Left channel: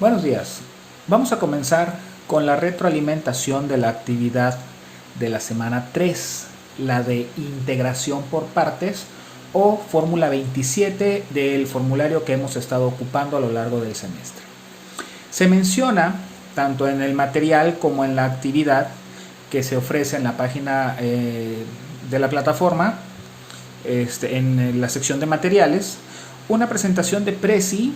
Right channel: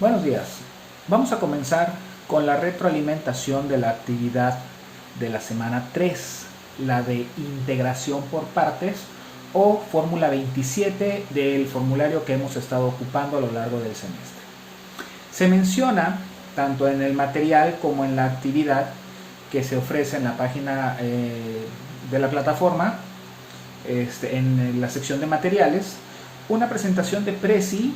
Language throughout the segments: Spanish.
Buenos días. Vamos a comenzar con la retroalimentación de la actividad de la semana 3, la de integración por partes o fórmula 27 del formulario que hemos estado ocupando a lo largo del semestre. Se menciona, tanto en el material como en la actividad que se ofrece en la página de la plataforma, en la sección de materiales, una presentación de Prezi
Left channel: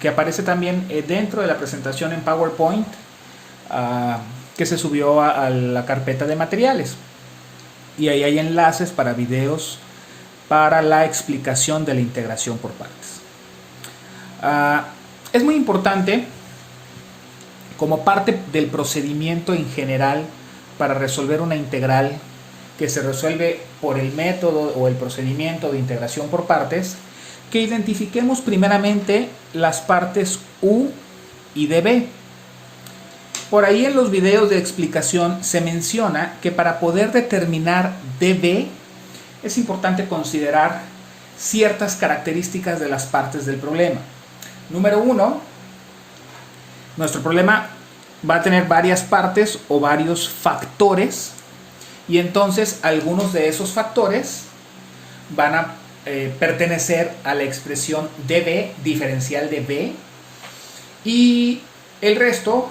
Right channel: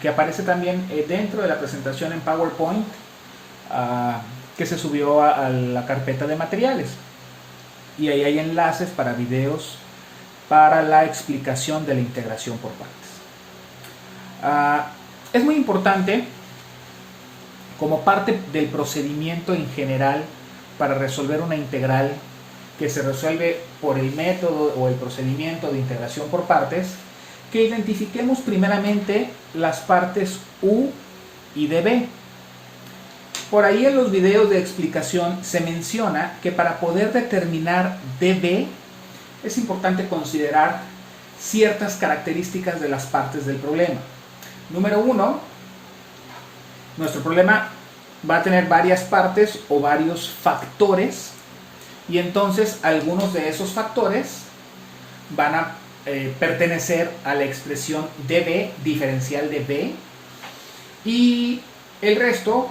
que aparece también dentro de la presentación en PowerPoint que se subió a la carpeta de materiales. Y ahí hay enlaces para videos para la explicación de la integración por partes. Es muy importante, como parte del procedimiento en general para resolver una integral que se resuelve por el método o el procedimiento de integración por partes, que identifiquemos primeramente las partes u y db. Por ahí en los videos de explicación se menciona que para poder determinar db es importante considerar ciertas características de las partes del problema. Número 1, nuestro problema va a tener varias partes o varios factores, y entonces algunos de esos factores van a pertenecer a la expresión db, diferencial de b, y el resto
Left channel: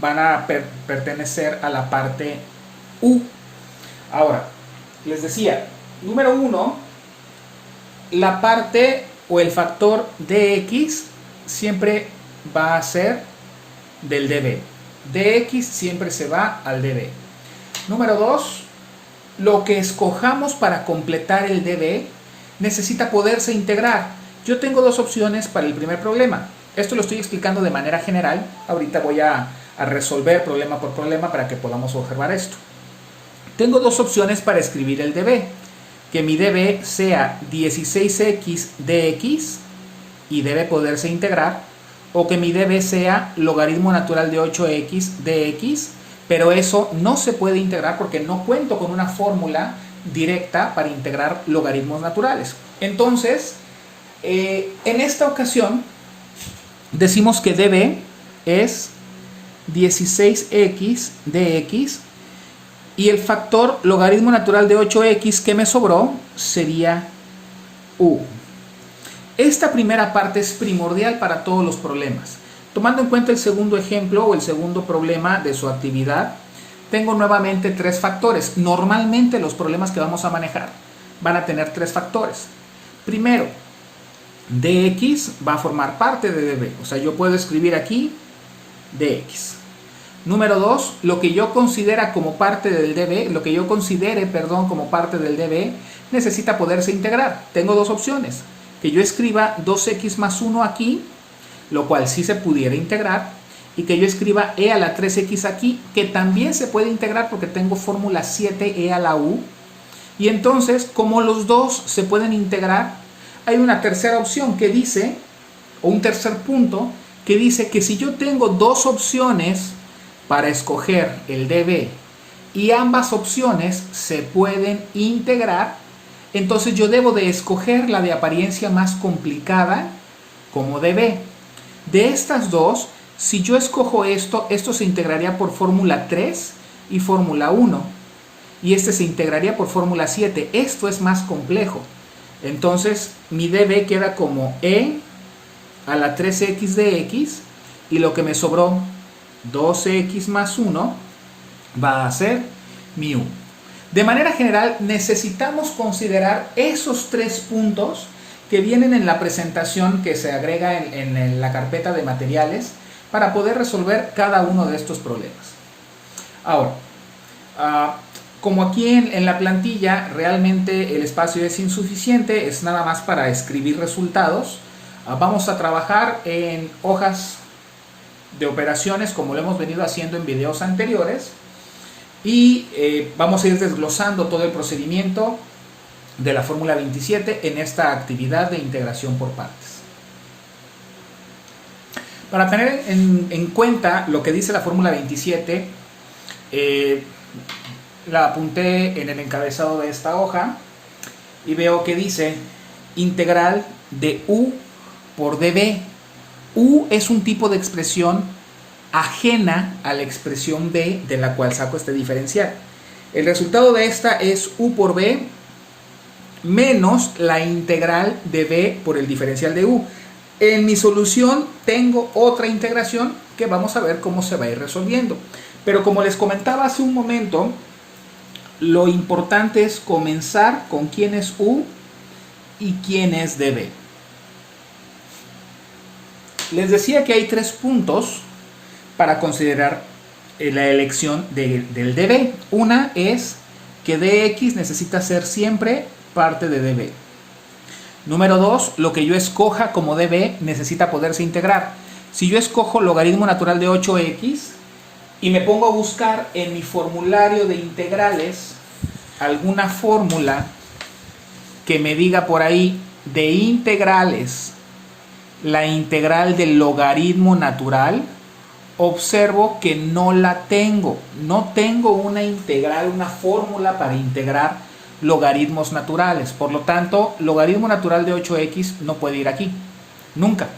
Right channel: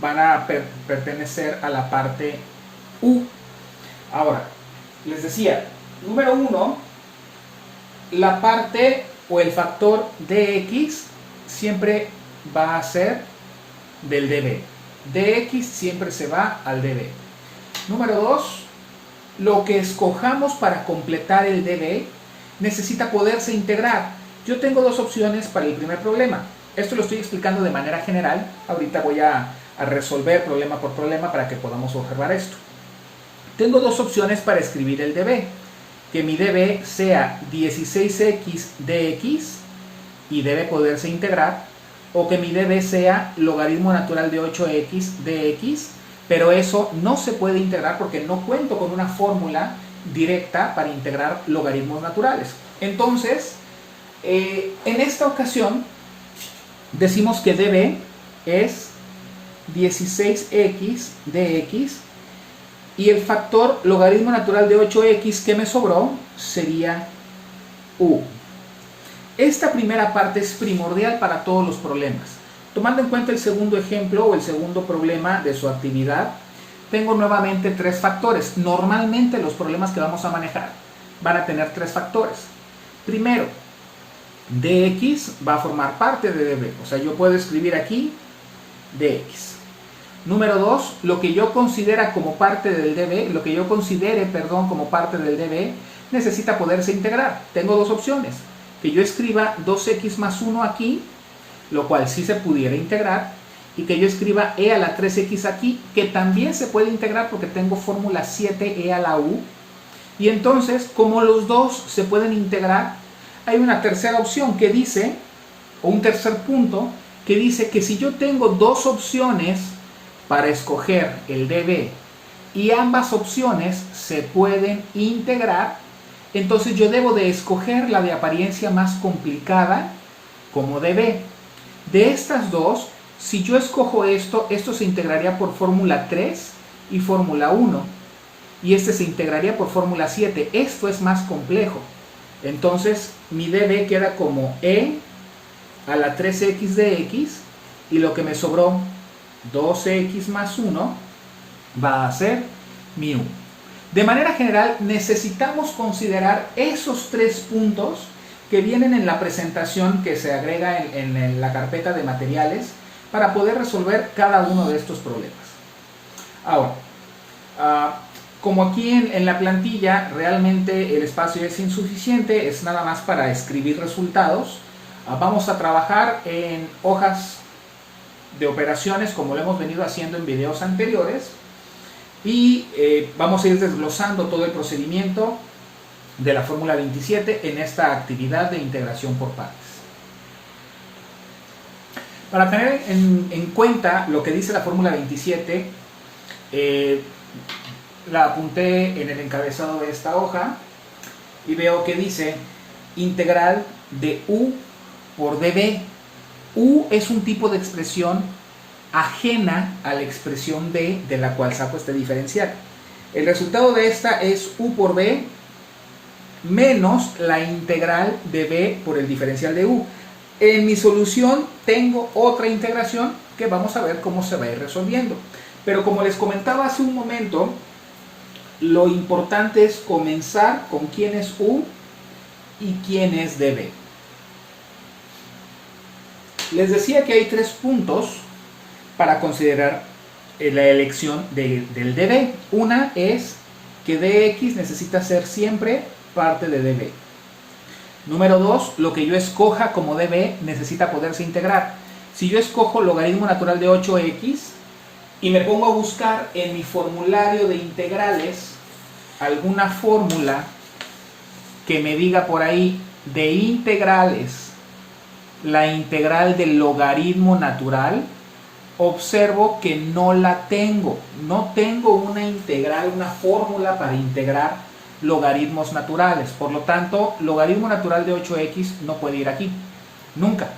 van a pertenecer a la parte u. Ahora, les decía, número 1, la parte o el factor dx siempre va a ser del db. dx siempre se va al db. Número 2, lo que escojamos para completar el db necesita poderse integrar. Yo tengo dos opciones para el primer problema. Esto lo estoy explicando de manera general. Ahorita voy a resolver problema por problema para que podamos observar esto. Tengo dos opciones para escribir el db. Que mi db sea 16x dx y debe poderse integrar, o que mi db sea logaritmo natural de 8x dx, pero eso no se puede integrar porque no cuento con una fórmula directa para integrar logaritmos naturales. Entonces, en esta ocasión, decimos que db es 16x dx y el factor logaritmo natural de 8x que me sobró sería u. Esta primera parte es primordial para todos los problemas. Tomando en cuenta el segundo ejemplo o el segundo problema de su actividad, tengo nuevamente tres factores. Normalmente los problemas que vamos a manejar van a tener tres factores. Primero, dx va a formar parte de db, o sea, yo puedo escribir aquí dx. Número 2, lo que yo considere como parte del db, como parte del db, necesita poderse integrar. Tengo dos opciones: que yo escriba 2x más 1 aquí, lo cual sí se pudiera integrar, y que yo escriba e a la 3x aquí, que también se puede integrar porque tengo fórmula 7e a la u. Y entonces, como los dos se pueden integrar, hay una tercera opción que dice, o un tercer punto, que dice que si yo tengo dos opciones para escoger el db y ambas opciones se pueden integrar, entonces yo debo de escoger la de apariencia más complicada como db. De estas dos, si yo escojo esto se integraría por fórmula 3 y fórmula 1, y este se integraría por fórmula 7. Esto es más complejo. Entonces mi db queda como e a la 3x dx, y lo que me sobró, 2x más 1, va a ser mi u. De manera general, necesitamos considerar esos tres puntos que vienen en la presentación que se agrega en la carpeta de materiales para poder resolver cada uno de estos problemas. Ahora, como aquí en la plantilla realmente el espacio es insuficiente, es nada más para escribir resultados, vamos a trabajar en hojas de operaciones como lo hemos venido haciendo en videos anteriores, y vamos a ir desglosando todo el procedimiento de la fórmula 27 en esta actividad de integración por partes. Para tener en cuenta lo que dice la fórmula 27, la apunté en el encabezado de esta hoja y veo que dice integral de u por db. U es un tipo de expresión ajena a la expresión b de la cual saco este diferencial. El resultado de esta es u por b menos la integral de b por el diferencial de u. En mi solución tengo otra integración que vamos a ver cómo se va a ir resolviendo. Pero como les comentaba hace un momento, lo importante es comenzar con quién es u y quién es db. Les decía que hay 3 puntos para considerar la elección del db. Una es que dx necesita ser siempre parte de db. Número 2, lo que yo escoja como db necesita poderse integrar. Si yo escojo logaritmo natural de 8x y me pongo a buscar en mi formulario de integrales alguna fórmula que me diga por ahí de integrales la integral del logaritmo natural, observo que no la tengo. No tengo una integral, una fórmula para integrar logaritmos naturales. Por lo tanto, logaritmo natural de 8x no puede ir aquí. Nunca.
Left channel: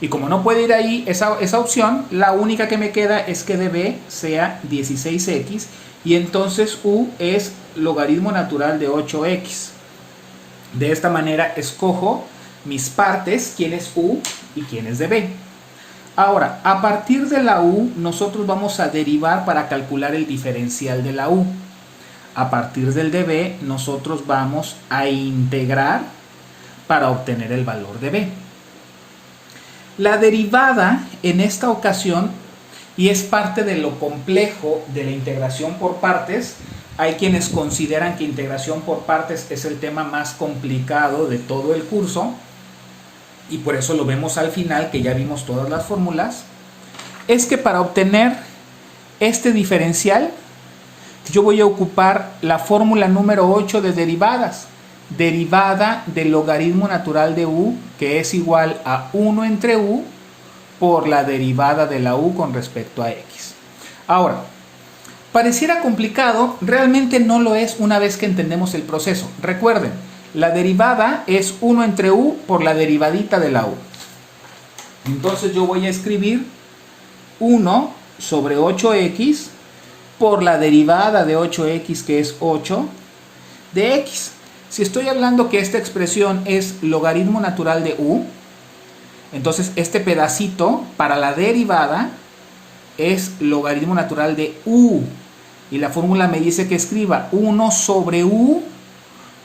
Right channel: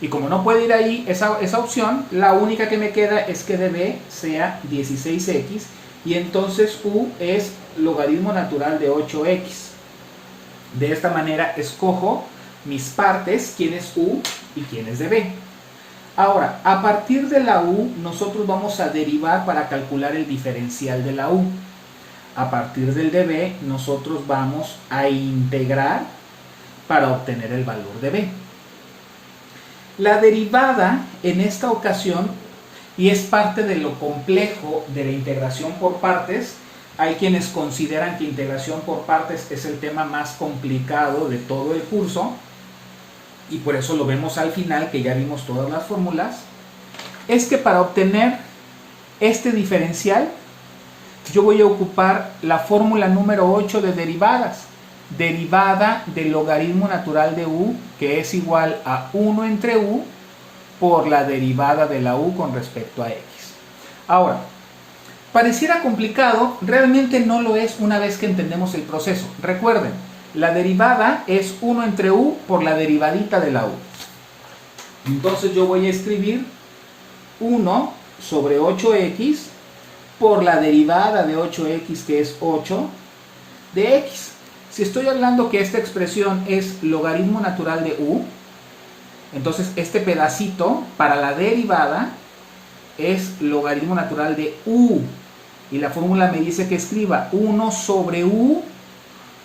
Y como no puede ir ahí esa opción, la única que me queda es que db sea 16x y entonces u es logaritmo natural de 8x. De esta manera escojo mis partes, quién es u y quién es db. Ahora, a partir de la u, nosotros vamos a derivar para calcular el diferencial de la u. A partir del db, nosotros vamos a integrar para obtener el valor de b. La derivada en esta ocasión, y es parte de lo complejo de la integración por partes, hay quienes consideran que integración por partes es el tema más complicado de todo el curso, y por eso lo vemos al final, que ya vimos todas las fórmulas, es que para obtener este diferencial, yo voy a ocupar la fórmula número 8 de derivadas. Derivada del logaritmo natural de u, que es igual a 1 entre u por la derivada de la u con respecto a x. Ahora, pareciera complicado, realmente no lo es una vez que entendemos el proceso. Recuerden, la derivada es 1 entre u por la derivadita de la u. Entonces yo voy a escribir 1 sobre 8x por la derivada de 8x, que es 8, de x. Si estoy hablando que esta expresión es logaritmo natural de u, entonces este pedacito para la derivada es logaritmo natural de u. Y la fórmula me dice que escriba 1 sobre u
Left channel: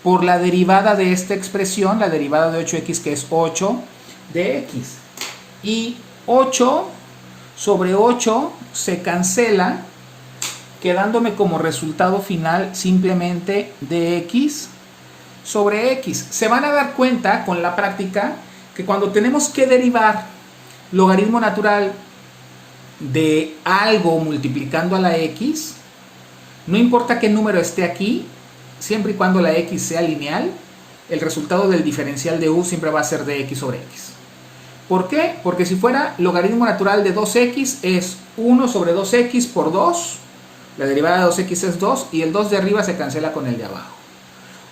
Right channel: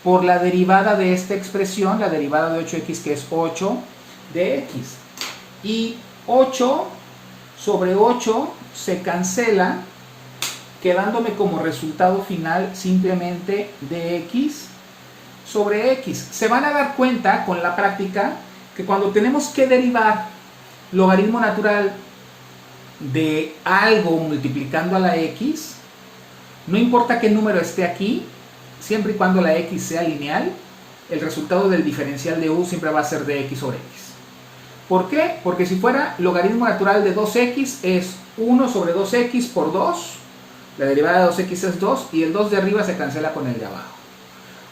por la derivada de esta expresión, la derivada de 8x, que es 8 de x. Y 8 sobre 8 se cancela, quedándome como resultado final simplemente dx sobre x. Se van a dar cuenta con la práctica que cuando tenemos que derivar logaritmo natural de algo multiplicando a la x, no importa qué número esté aquí, siempre y cuando la x sea lineal, el resultado del diferencial de u siempre va a ser dx sobre x. ¿Por qué? Porque si fuera logaritmo natural de 2x es 1 sobre 2x por 2, la derivada de 2x es 2 y el 2 de arriba se cancela con el de abajo.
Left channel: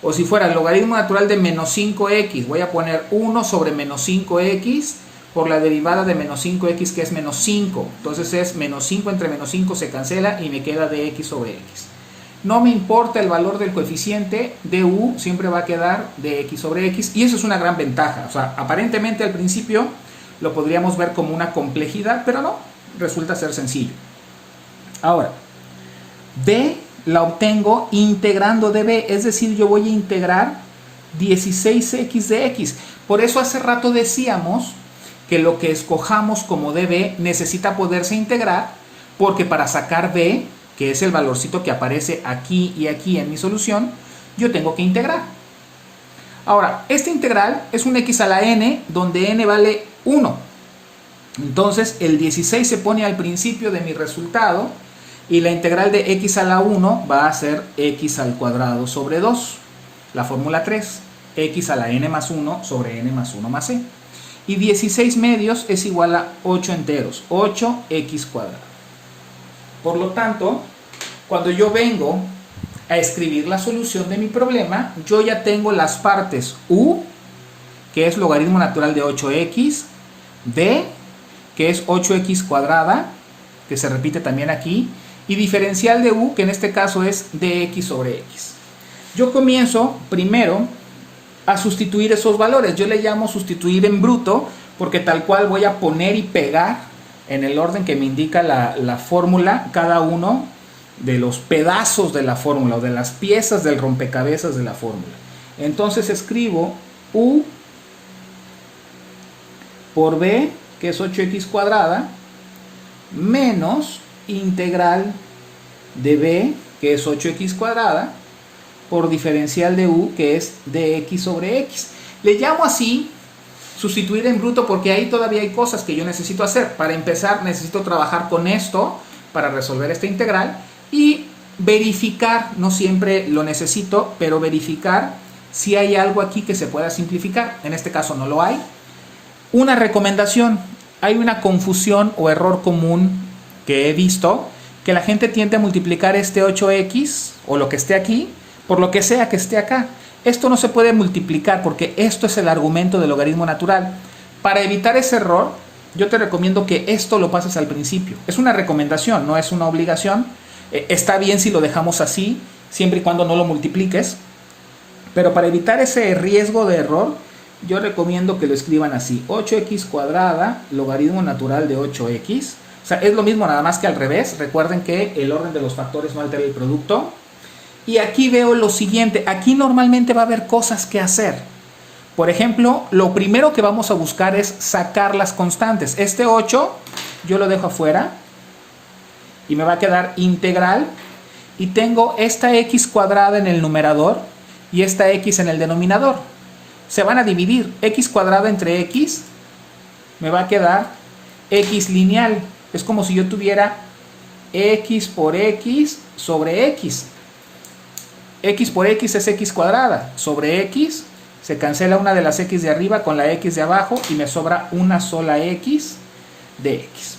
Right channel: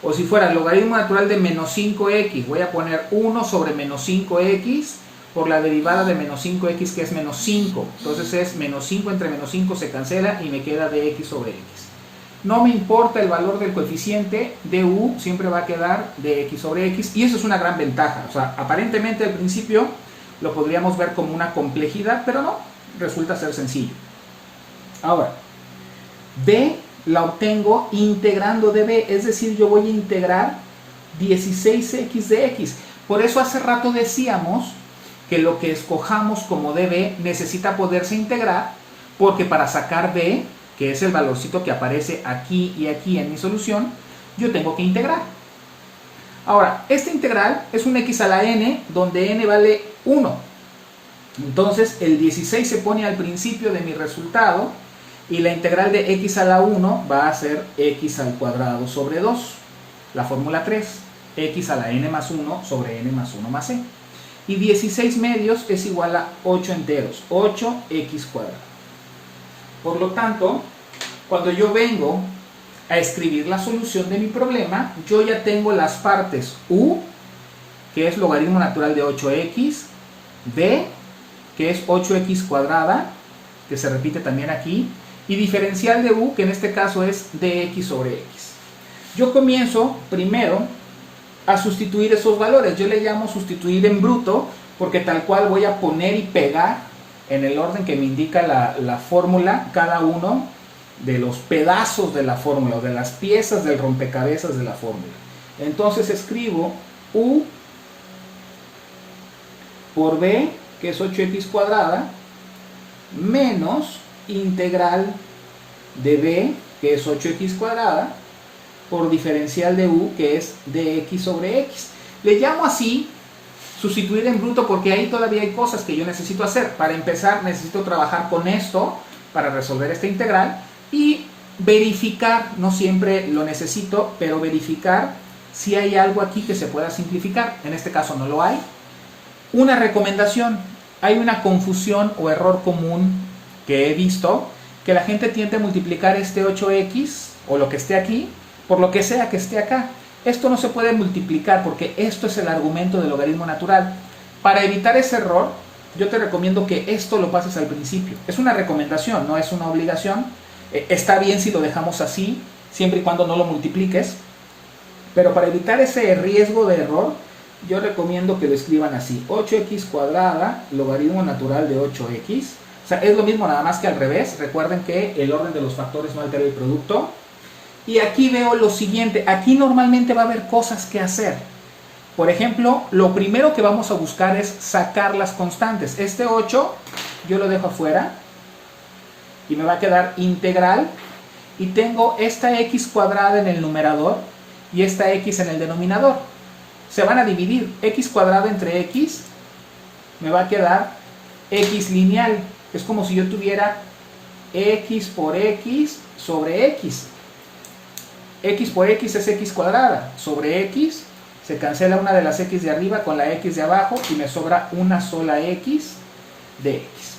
O si fuera el logaritmo natural de menos 5x, voy a poner 1 sobre menos 5x por la derivada de menos 5x, que es menos 5. Entonces es menos 5 entre menos 5 se cancela y me queda dx sobre x. No me importa el valor del coeficiente, du siempre va a quedar dx sobre x, y eso es una gran ventaja. O sea, aparentemente al principio lo podríamos ver como una complejidad, pero no, resulta ser sencillo. Ahora, b la obtengo integrando db, es decir, yo voy a integrar 16x de x. Por eso hace rato decíamos que lo que escojamos como db necesita poderse integrar, porque para sacar b, que es el valorcito que aparece aquí y aquí en mi solución, yo tengo que integrar. Ahora, esta integral es un x a la n, donde n vale 1. Entonces, el 16 se pone al principio de mi resultado, y la integral de x a la 1 va a ser x al cuadrado sobre 2. La fórmula 3, x a la n más 1 sobre n más 1 más c. Y 16 medios es igual a 8 enteros, 8x cuadrado. Por lo tanto, cuando yo vengo a escribir la solución de mi problema, yo ya tengo las partes u, que es logaritmo natural de 8x, d, que es 8x cuadrada, que se repite también aquí, y diferencial de u, que en este caso es dx sobre x. Yo comienzo primero a sustituir esos valores. Yo le llamo sustituir en bruto, porque tal cual voy a poner y pegar en el orden que me indica la fórmula cada uno de los pedazos de la fórmula o de las piezas del rompecabezas de la fórmula. Entonces escribo u por b, que es 8x cuadrada, menos integral de b, que es 8x cuadrada, por diferencial de u, que es dx sobre x. Le llamo así sustituir en bruto porque ahí todavía hay cosas que yo necesito hacer. Para empezar, necesito trabajar con esto para resolver esta integral y verificar, no siempre lo necesito, pero verificar si hay algo aquí que se pueda simplificar. En este caso no lo hay. Una recomendación: hay una confusión o error común que he visto, que la gente tiende a multiplicar este 8x o lo que esté aquí por lo que sea que esté acá. Esto no se puede multiplicar porque esto es el argumento del logaritmo natural. Para evitar ese error, yo te recomiendo que esto lo pases al principio. Es una recomendación, no es una obligación. Está bien si lo dejamos así, siempre y cuando no lo multipliques. Pero para evitar ese riesgo de error, yo recomiendo que lo escriban así: 8x cuadrada, logaritmo natural de 8x. O sea, es lo mismo, nada más que al revés. Recuerden que el orden de los factores no altera el producto. Y aquí veo lo siguiente: aquí normalmente va a haber cosas que hacer. Por ejemplo, lo primero que vamos a buscar es sacar las constantes. Este 8 yo lo dejo afuera y me va a quedar integral. Y tengo esta x cuadrada en el numerador y esta x en el denominador. Se van a dividir. X cuadrada entre x me va a quedar x lineal. Es como si yo tuviera x por x sobre x. X por x es x cuadrada sobre x, se cancela una de las x de arriba con la x de abajo y me sobra una sola x de x.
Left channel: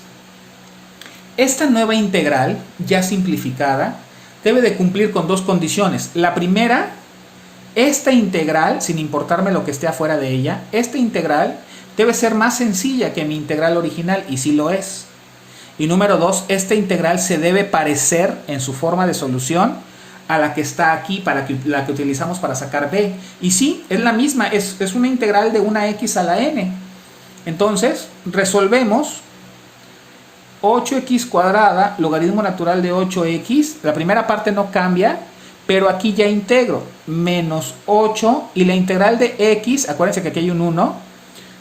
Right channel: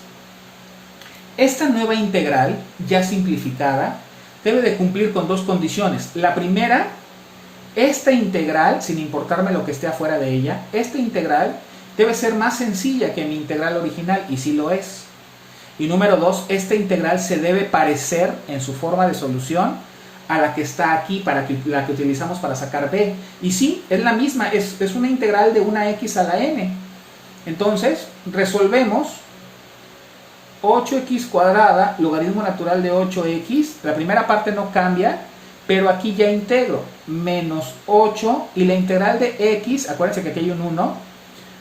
Esta nueva integral, ya simplificada, debe de cumplir con dos condiciones. La primera: esta integral, sin importarme lo que esté afuera de ella, esta integral debe ser más sencilla que mi integral original, y sí lo es. Y número dos, esta integral se debe parecer en su forma de solución a la que está aquí, la que utilizamos para sacar b. Y sí, es la misma, es una integral de una x a la n. Entonces, resolvemos 8x cuadrada, logaritmo natural de 8x. La primera parte no cambia, pero aquí ya integro. Menos 8, y la integral de x, acuérdense que aquí hay un 1,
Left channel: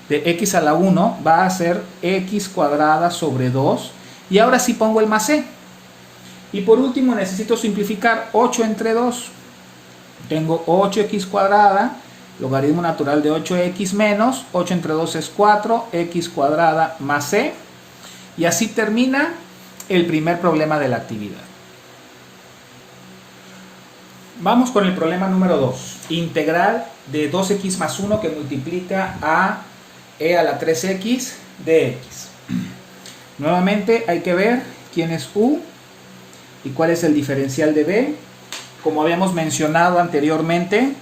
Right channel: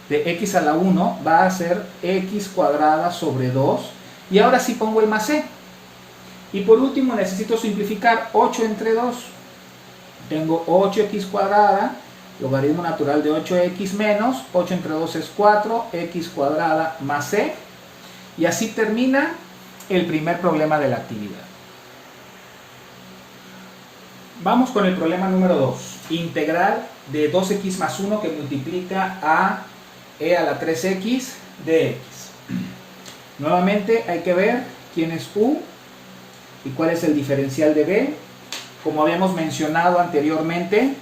de x a la 1 va a ser x cuadrada sobre 2. Y ahora sí pongo el más c. Y por último necesito simplificar 8 entre 2. Tengo 8x cuadrada, logaritmo natural de 8x menos 8 entre 2 es 4, x cuadrada más c. Y así termina el primer problema de la actividad. Vamos con el problema número 2. Integral de 2x más 1 que multiplica a e a la 3x de x. Nuevamente hay que ver quién es u y cuál es el diferencial de b. Como habíamos mencionado anteriormente,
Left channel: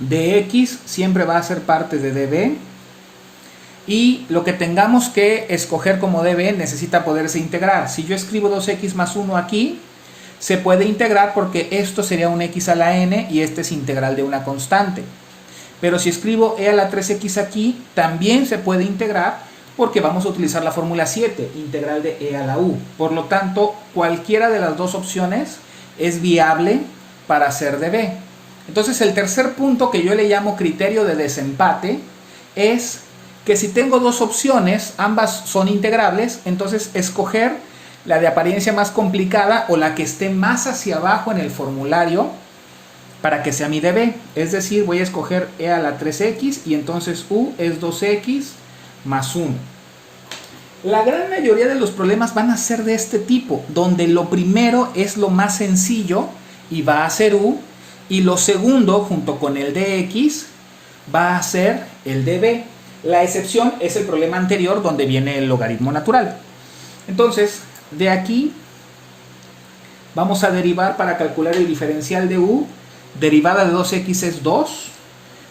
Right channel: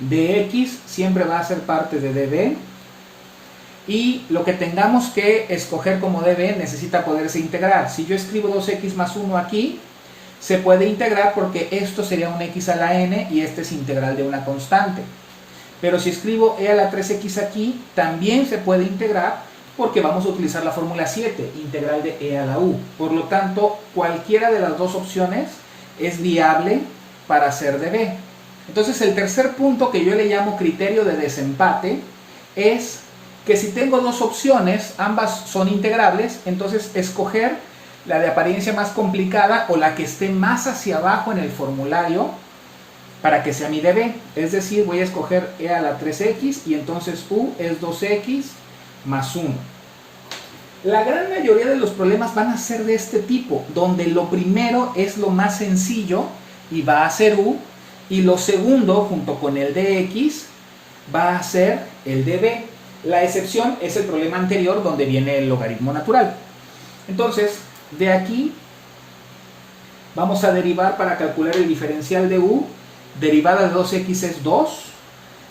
dx siempre va a ser parte de db, y lo que tengamos que escoger como db necesita poderse integrar. Si yo escribo 2x más 1 aquí, se puede integrar porque esto sería un x a la n y este es integral de una constante. Pero si escribo e a la 3x aquí, también se puede integrar porque vamos a utilizar la fórmula 7, integral de e a la u. Por lo tanto, cualquiera de las dos opciones es viable para hacer db. Entonces, el tercer punto, que yo le llamo criterio de desempate, es que si tengo dos opciones, ambas son integrables, entonces escoger la de apariencia más complicada o la que esté más hacia abajo en el formulario para que sea mi db. Es decir, voy a escoger e a la 3x y entonces u es 2x más 1. La gran mayoría de los problemas van a ser de este tipo, donde lo primero es lo más sencillo y va a ser u, y lo segundo, junto con el dx, va a ser el db. La excepción es el problema anterior, donde viene el logaritmo natural. Entonces, de aquí vamos a derivar para calcular el diferencial de u. Derivada de 2x es 2,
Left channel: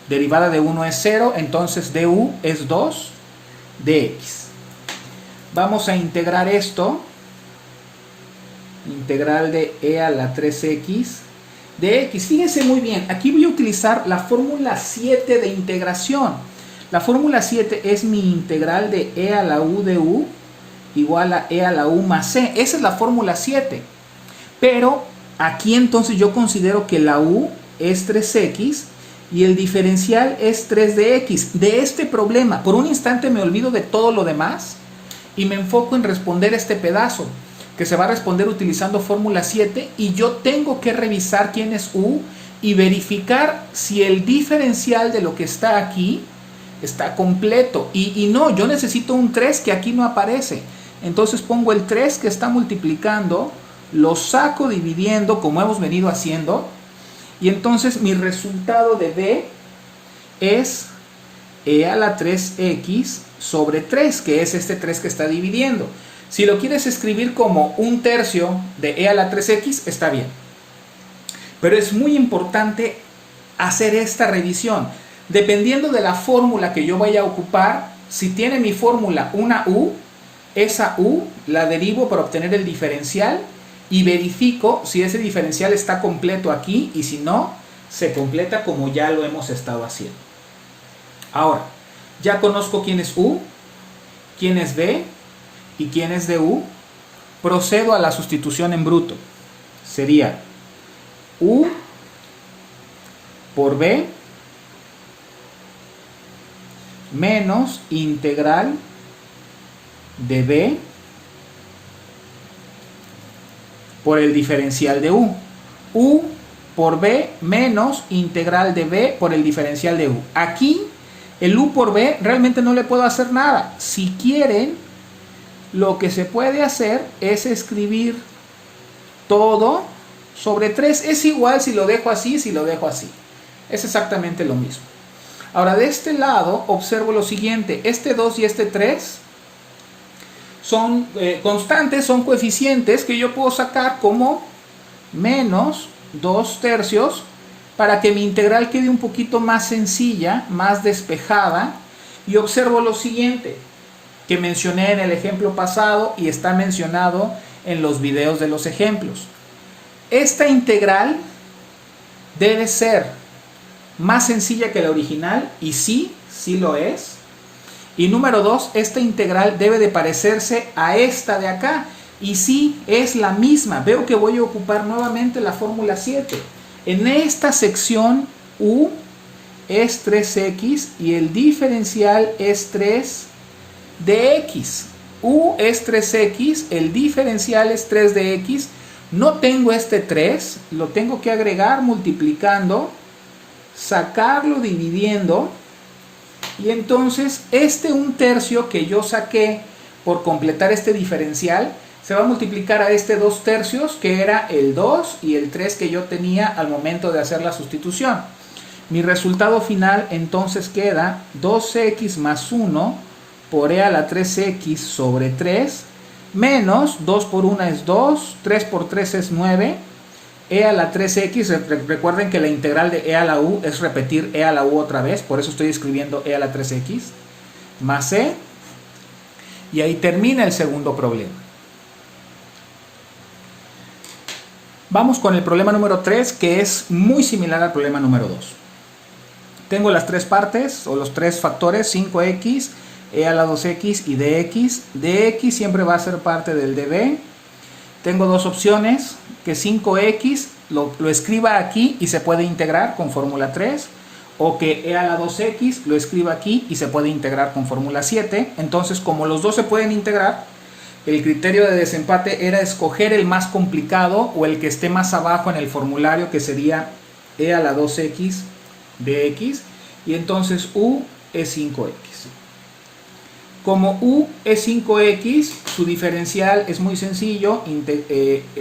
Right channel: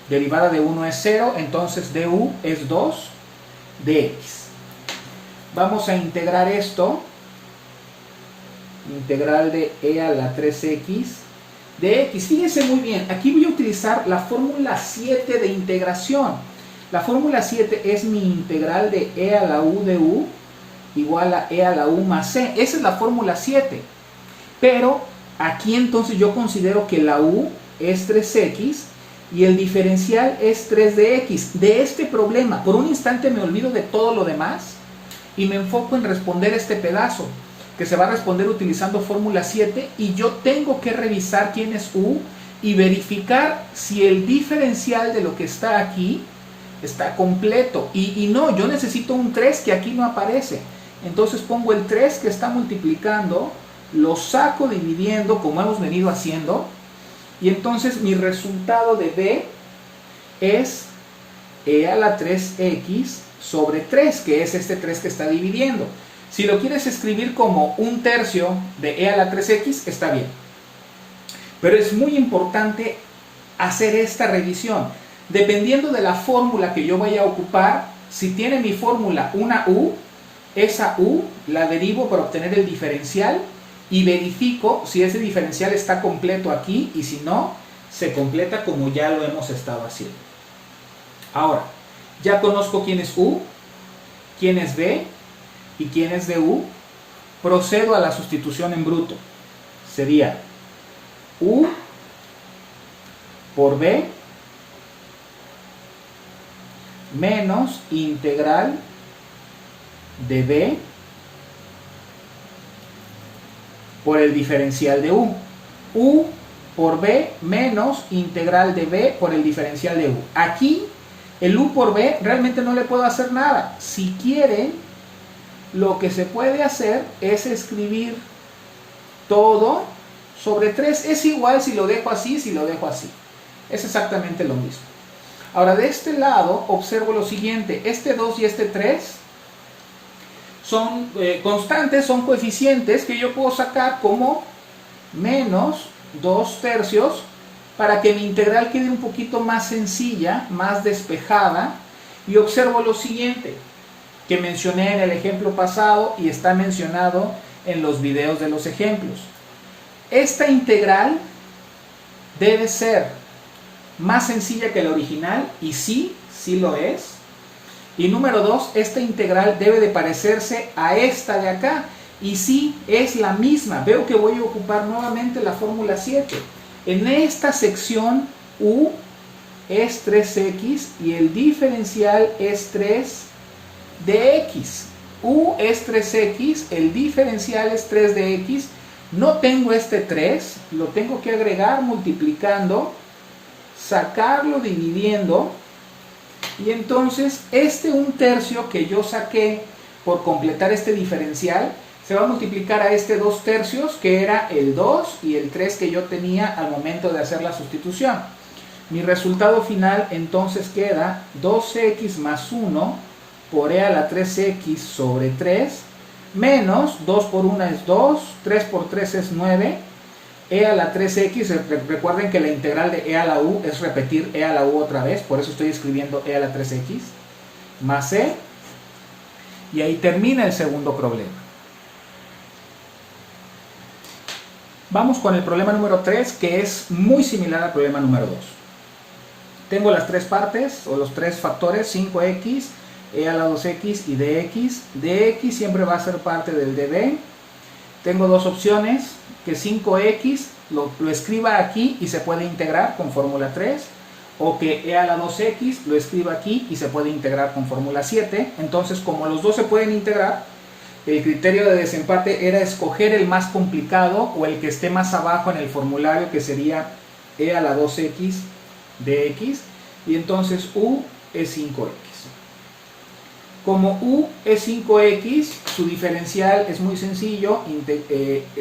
derivada de 1 es 0, entonces du es 2. de x. Vamos a integrar esto, integral de e a la 3x de x. Fíjense muy bien, aquí voy a utilizar la fórmula 7 de integración. La fórmula 7 es mi integral de e a la u de u igual a e a la u más c. Esa es la fórmula 7. Pero aquí entonces yo considero que la u es 3x y el diferencial es 3 de x. De este problema, por un instante me olvido de todo lo demás y me enfoco en responder este pedazo, que se va a responder utilizando fórmula 7, y yo tengo que revisar quién es u y verificar si el diferencial de lo que está aquí está completo. Y no, yo necesito un 3 que aquí no aparece. Entonces pongo el 3 que está multiplicando, lo saco dividiendo como hemos venido haciendo, y entonces mi resultado de b es e a la 3x sobre 3, que es este 3 que está dividiendo. Si lo quieres escribir como 1/3 de e a la 3x, está bien. Pero es muy importante hacer esta revisión. Dependiendo de la fórmula que yo vaya a ocupar, si tiene mi fórmula una u, esa u la derivo para obtener el diferencial y verifico si ese diferencial está completo aquí, y si no, se completa como ya lo hemos estado haciendo. Ahora, ya conozco quién es u, quién es b y quién es du. Procedo a la sustitución en bruto. Sería u por b menos integral de b por el diferencial de u. U por b menos integral de b por el diferencial de u. Aquí el u por b realmente no le puedo hacer nada. Si quieren, lo que se puede hacer es escribir todo sobre 3. Es igual si lo dejo así, si lo dejo así. Es exactamente lo mismo. Ahora, de este lado observo lo siguiente. Este 2 y este 3 son constantes, son coeficientes que yo puedo sacar como menos 2/3 para que mi integral quede un poquito más sencilla, más despejada. Y observo lo siguiente, que mencioné en el ejemplo pasado y está mencionado en los videos de los ejemplos. Esta integral debe ser más sencilla que la original, y sí lo es. Y número 2, esta integral debe de parecerse a esta de acá, y sí es la misma. Veo que voy a ocupar nuevamente la fórmula 7. En esta sección u es 3x y el diferencial es 3 de x. U es 3x, el diferencial es 3 de x. No tengo este 3, lo tengo que agregar multiplicando, sacarlo dividiendo, y entonces este 1/3 que yo saqué por completar este diferencial se va a multiplicar a este 2/3, que era el 2 y el 3 que yo tenía al momento de hacer la sustitución. Mi resultado final entonces queda 2x más 1 por e a la 3x sobre 3 menos 2 por 1 es 2, 3 por 3 es 9, e a la 3x, recuerden que la integral de e a la u es repetir e a la u otra vez, por eso estoy escribiendo e a la 3x, más c, y ahí termina el segundo problema. Vamos con el problema número 3, que es muy similar al problema número 2. Tengo las tres partes, o los tres factores, 5x, e a la 2x y dx. Dx siempre va a ser parte del db. Tengo dos opciones, que 5x lo escriba aquí y se puede integrar con fórmula 3, o que e a la 2x lo escriba aquí y se puede integrar con fórmula 7. Entonces, como los dos se pueden integrar, el criterio de desempate era escoger el más complicado o el que esté más abajo en el formulario, que sería e a la 2x dx, y entonces u es 5x. Como u es 5x, su diferencial es muy sencillo,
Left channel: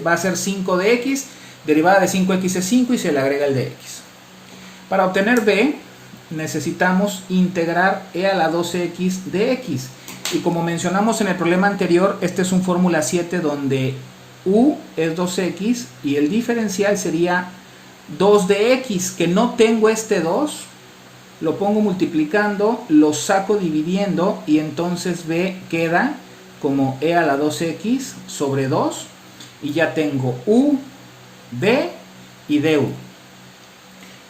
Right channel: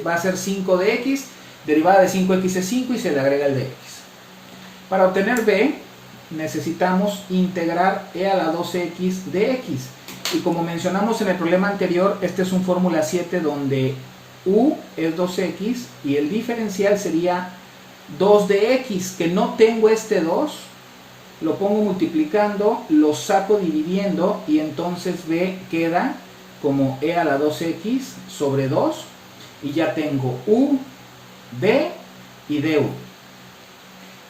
va a ser 5 de x, derivada de 5x es 5 y se le agrega el de x. Para obtener b, necesitamos integrar e a la 2x de x. Y como mencionamos en el problema anterior, este es un fórmula 7 donde u es 2x y el diferencial sería 2 de x, que no tengo este 2, lo pongo multiplicando, lo saco dividiendo y entonces b queda como e a la 2x sobre 2 y ya tengo u, b y du.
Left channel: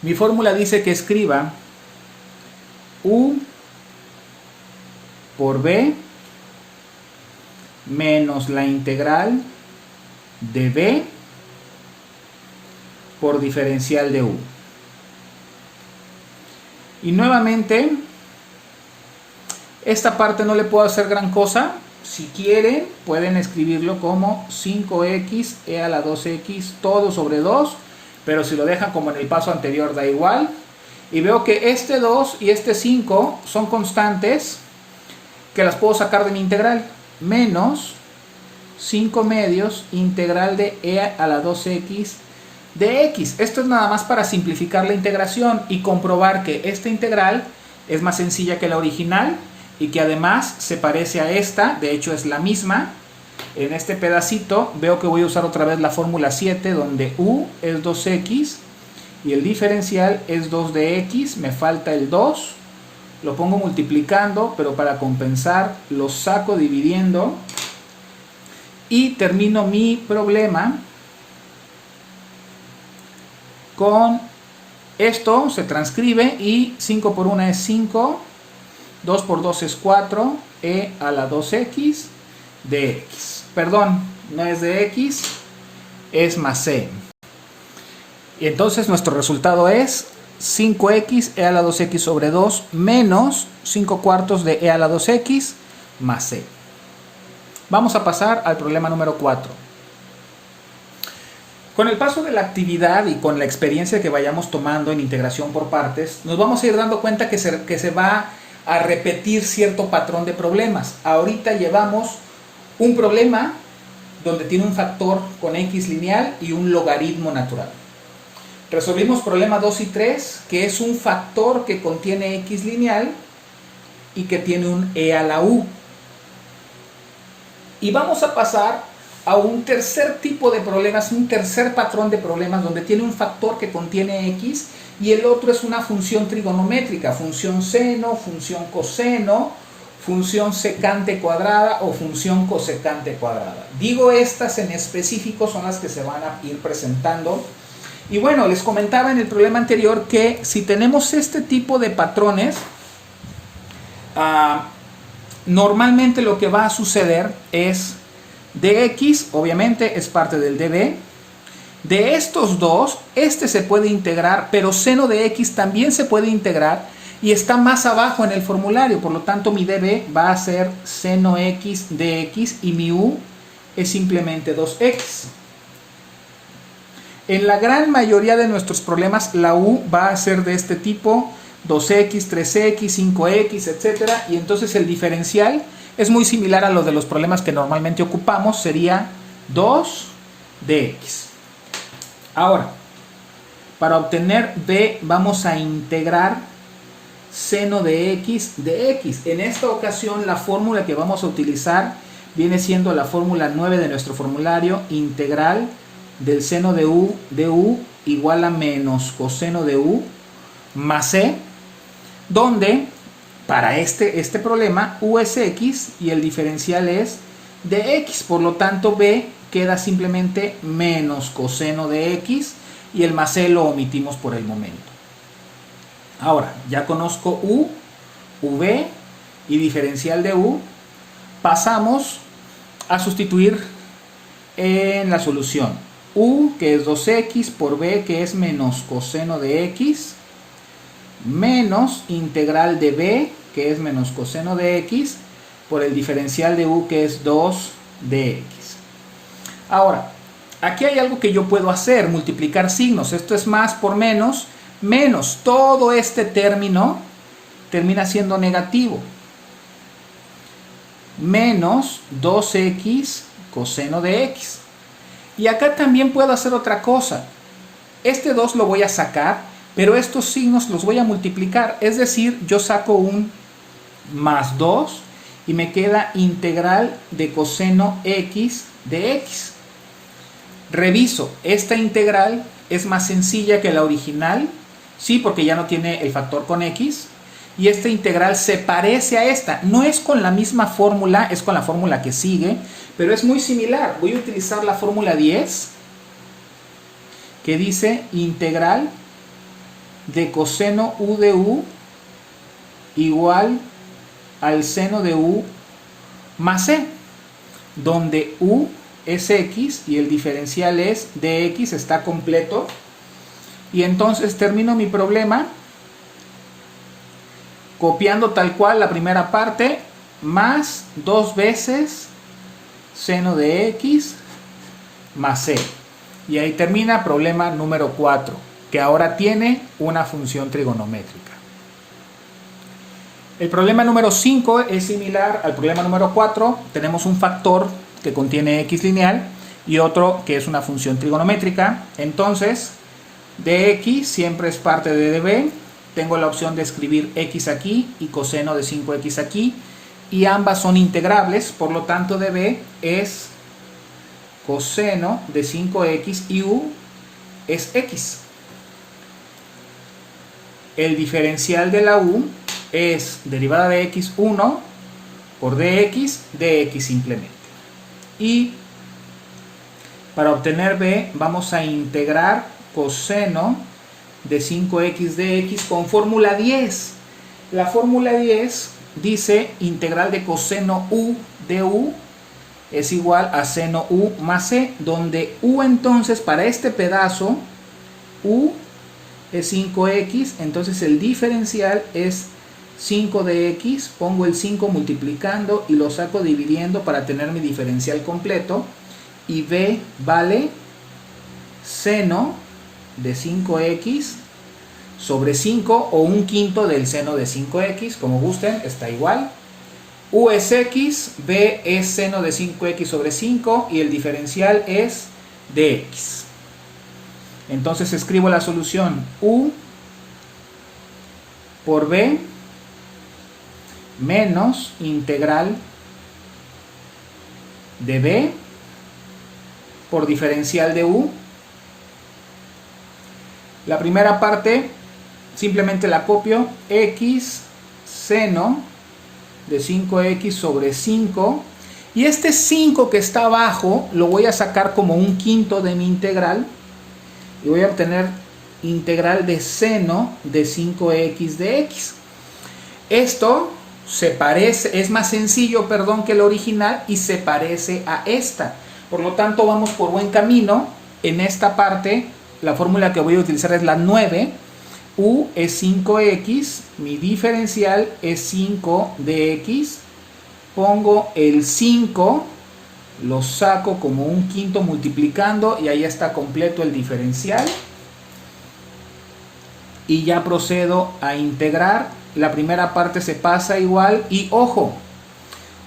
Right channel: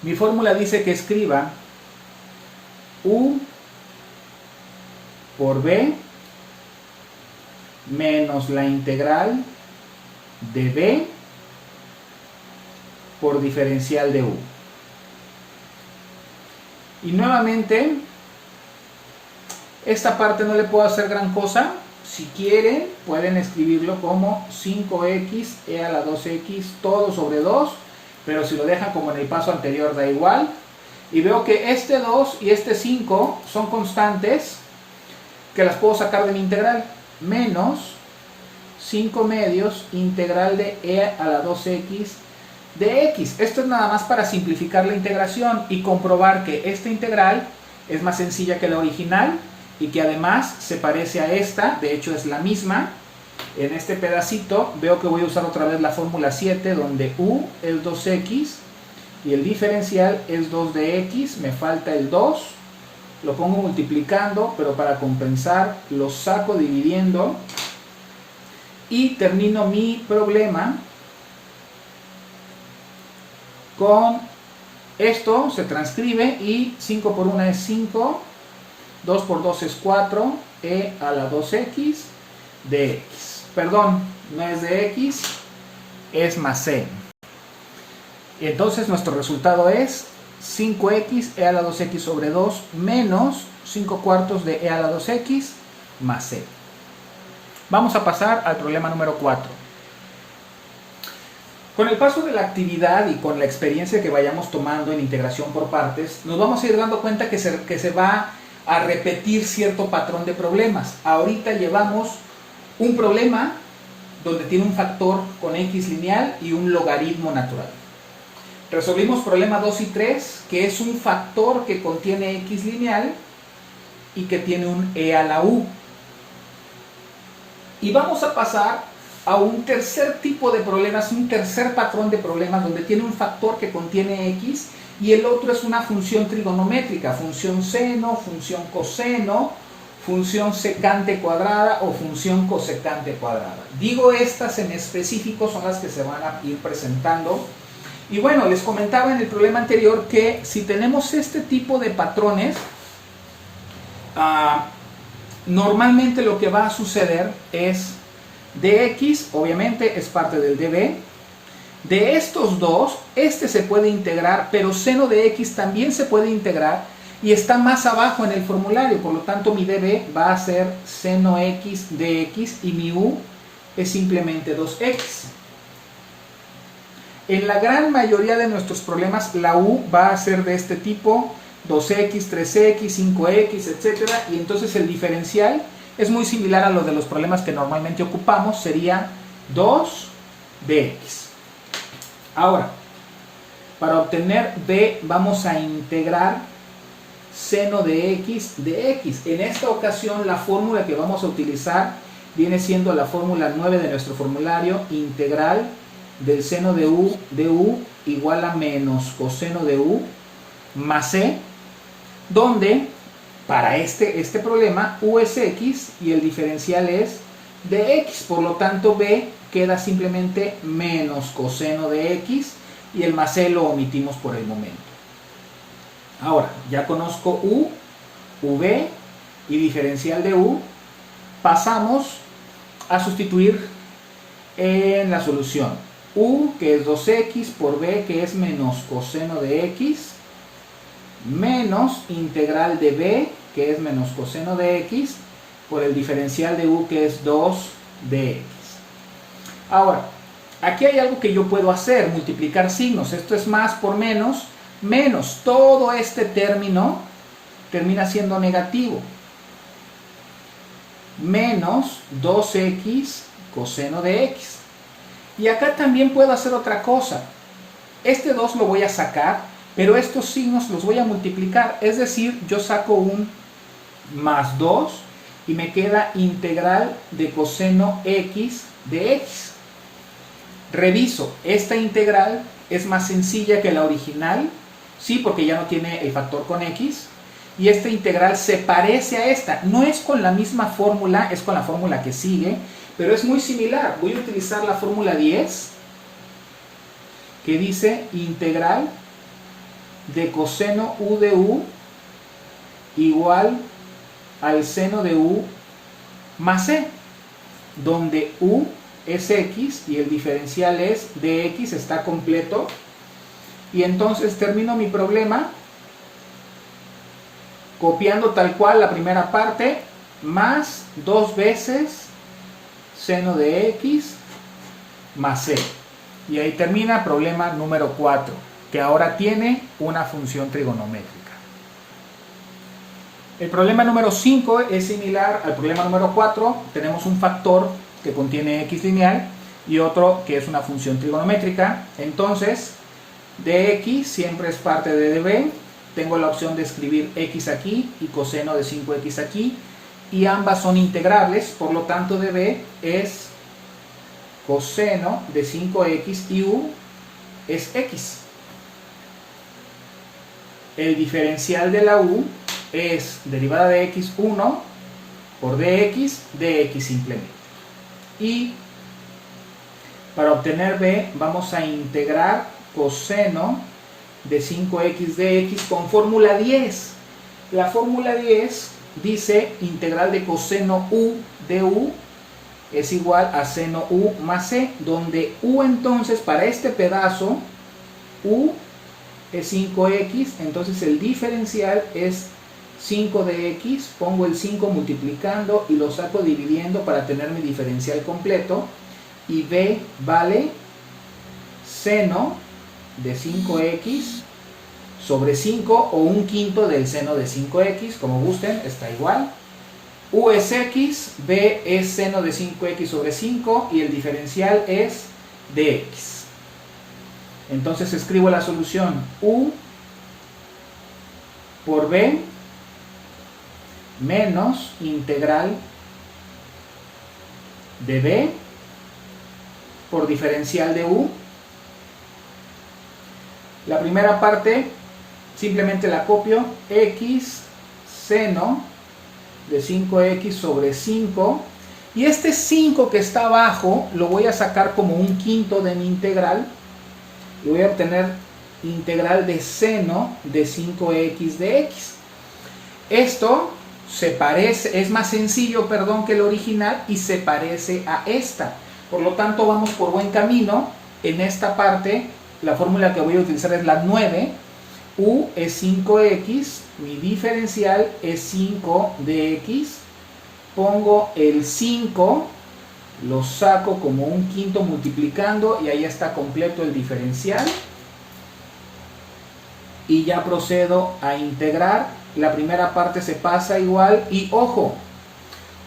Mi fórmula dice que escriba u por b menos la integral de b por diferencial de u. Y nuevamente, esta parte no le puedo hacer gran cosa. Si quieren, pueden escribirlo como 5x e a la 2x todo sobre 2, pero si lo dejan como en el paso anterior da igual. Y veo que este 2 y este 5 son constantes que las puedo sacar de mi integral. Menos 5 medios integral de e a la 2x de x. Esto es nada más para simplificar la integración y comprobar que esta integral es más sencilla que la original y que además se parece a esta, de hecho es la misma. En este pedacito veo que voy a usar otra vez la fórmula 7 donde u es 2x y el diferencial es 2 de x, me falta el 2, lo pongo multiplicando, pero para compensar lo saco dividiendo y termino mi problema con esto. Se transcribe y 5 por 1 es 5, 2 por 2 es 4, e a la 2x de x. Perdón, no es de x, es más c. Y entonces nuestro resultado es 5x e a la 2x sobre 2 menos 5 cuartos de e a la 2x más c. Vamos a pasar al problema número 4. Con el paso de la actividad y con la experiencia que vayamos tomando en integración por partes, nos vamos a ir dando cuenta que se va a repetir cierto patrón de problemas. Ahorita llevamos un problema donde tiene un factor con x lineal y un logaritmo natural. Resolvimos problema 2 y 3, que es un factor que contiene x lineal y que tiene un e a la u. Y vamos a pasar a un tercer tipo de problemas, un tercer patrón de problemas donde tiene un factor que contiene x y el otro es una función trigonométrica, función seno, función coseno, función secante cuadrada o función cosecante cuadrada. Digo estas en específico, son las que se van a ir presentando. Y bueno, les comentaba en el problema anterior que si tenemos este tipo de patrones, normalmente lo que va a suceder es dx, obviamente es parte del db. De estos dos, este se puede integrar, pero seno de x también se puede integrar y está más abajo en el formulario, por lo tanto mi db va a ser seno x dx y mi u es simplemente 2x. En la gran mayoría de nuestros problemas la u va a ser de este tipo, 2x, 3x, 5x, etc. Y entonces el diferencial es muy similar a lo de los problemas que normalmente ocupamos, sería 2 dx. Ahora, para obtener b vamos a integrar seno de x de x. En esta ocasión la fórmula que vamos a utilizar viene siendo la fórmula 9 de nuestro formulario, integral del seno de u igual a menos coseno de u más c, donde para este problema u es x y el diferencial es de x, por lo tanto b queda simplemente menos coseno de x y el más c lo omitimos por el momento. Ahora, ya conozco u, v y diferencial de u, pasamos a sustituir en la solución. U, que es 2x, por b, que es menos coseno de x, menos integral de b, que es menos coseno de x, por el diferencial de u, que es 2 de x. Ahora, aquí hay algo que yo puedo hacer, multiplicar signos. Esto es más por menos, menos todo este término termina siendo negativo. Menos 2x coseno de x. Y acá también puedo hacer otra cosa. Este 2 lo voy a sacar, pero estos signos los voy a multiplicar. Es decir, yo saco un más 2 y me queda integral de coseno x de x. Reviso, esta integral es más sencilla que la original, Sí, porque ya no tiene el factor con x. Y esta integral se parece a esta. No es con la misma fórmula, es con la fórmula que sigue, pero es muy similar. Voy a utilizar la fórmula 10, que dice integral de coseno u de u igual al seno de u más c, donde u es x y el diferencial es dx, está completo. Y entonces termino mi problema copiando tal cual la primera parte, más 2 veces seno de x más c. Y ahí termina problema número 4, que ahora tiene una función trigonométrica. El problema número 5 es similar al problema número 4. Tenemos un factor que contiene x lineal y otro que es una función trigonométrica. Entonces, dx siempre es parte de db. Tengo la opción de escribir x aquí y coseno de 5x aquí. Y ambas son integrables, por lo tanto db es coseno de 5x y u es x. El diferencial de la u es derivada de x1 por dx simplemente. Y para obtener b vamos a integrar coseno de 5x dx con fórmula 10. La fórmula 10 dice integral de coseno u de u es igual a seno u más c, donde u entonces para este pedazo u es 5x, entonces el diferencial es 5 de x, pongo el 5 multiplicando y lo saco dividiendo para tener mi diferencial completo, y b vale seno de 5x sobre 5 o 1/5 del seno de 5x, como gusten, está igual. U es x, b es seno de 5x sobre 5 y el diferencial es dx. Entonces escribo la solución u por b menos integral de b por diferencial de u. La primera parte simplemente la copio, x seno de 5x sobre 5, y este 5 que está abajo lo voy a sacar como 1/5 de mi integral y voy a obtener integral de seno de 5x de x. Esto se parece, es más sencillo, que el original, y se parece a esta. Por lo tanto, vamos por buen camino. En esta parte, la fórmula que voy a utilizar es la 9. U es 5x, mi diferencial es 5 de x. Pongo el 5, lo saco como 1/5 multiplicando y ahí está completo el diferencial. Y ya procedo a integrar. La primera parte se pasa igual y ojo,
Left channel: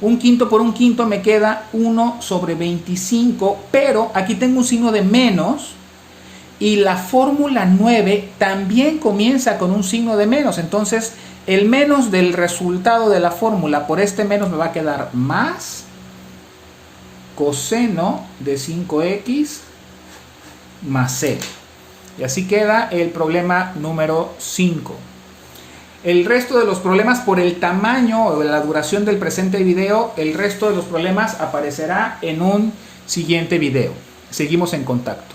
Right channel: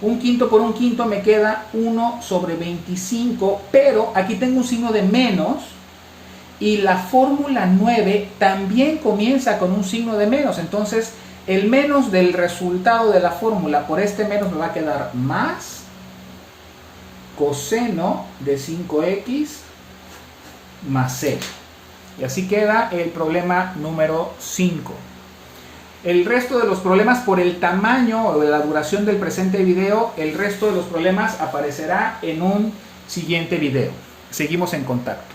1/5 por 1/5 me queda 1 sobre 25, pero aquí tengo un signo de menos y la fórmula 9 también comienza con un signo de menos. Entonces el menos del resultado de la fórmula por este menos me va a quedar más coseno de 5x más c. Y así queda el problema número 5. El resto de los problemas, por el tamaño o la duración del presente video, el resto de los problemas aparecerá en un siguiente video. Seguimos en contacto.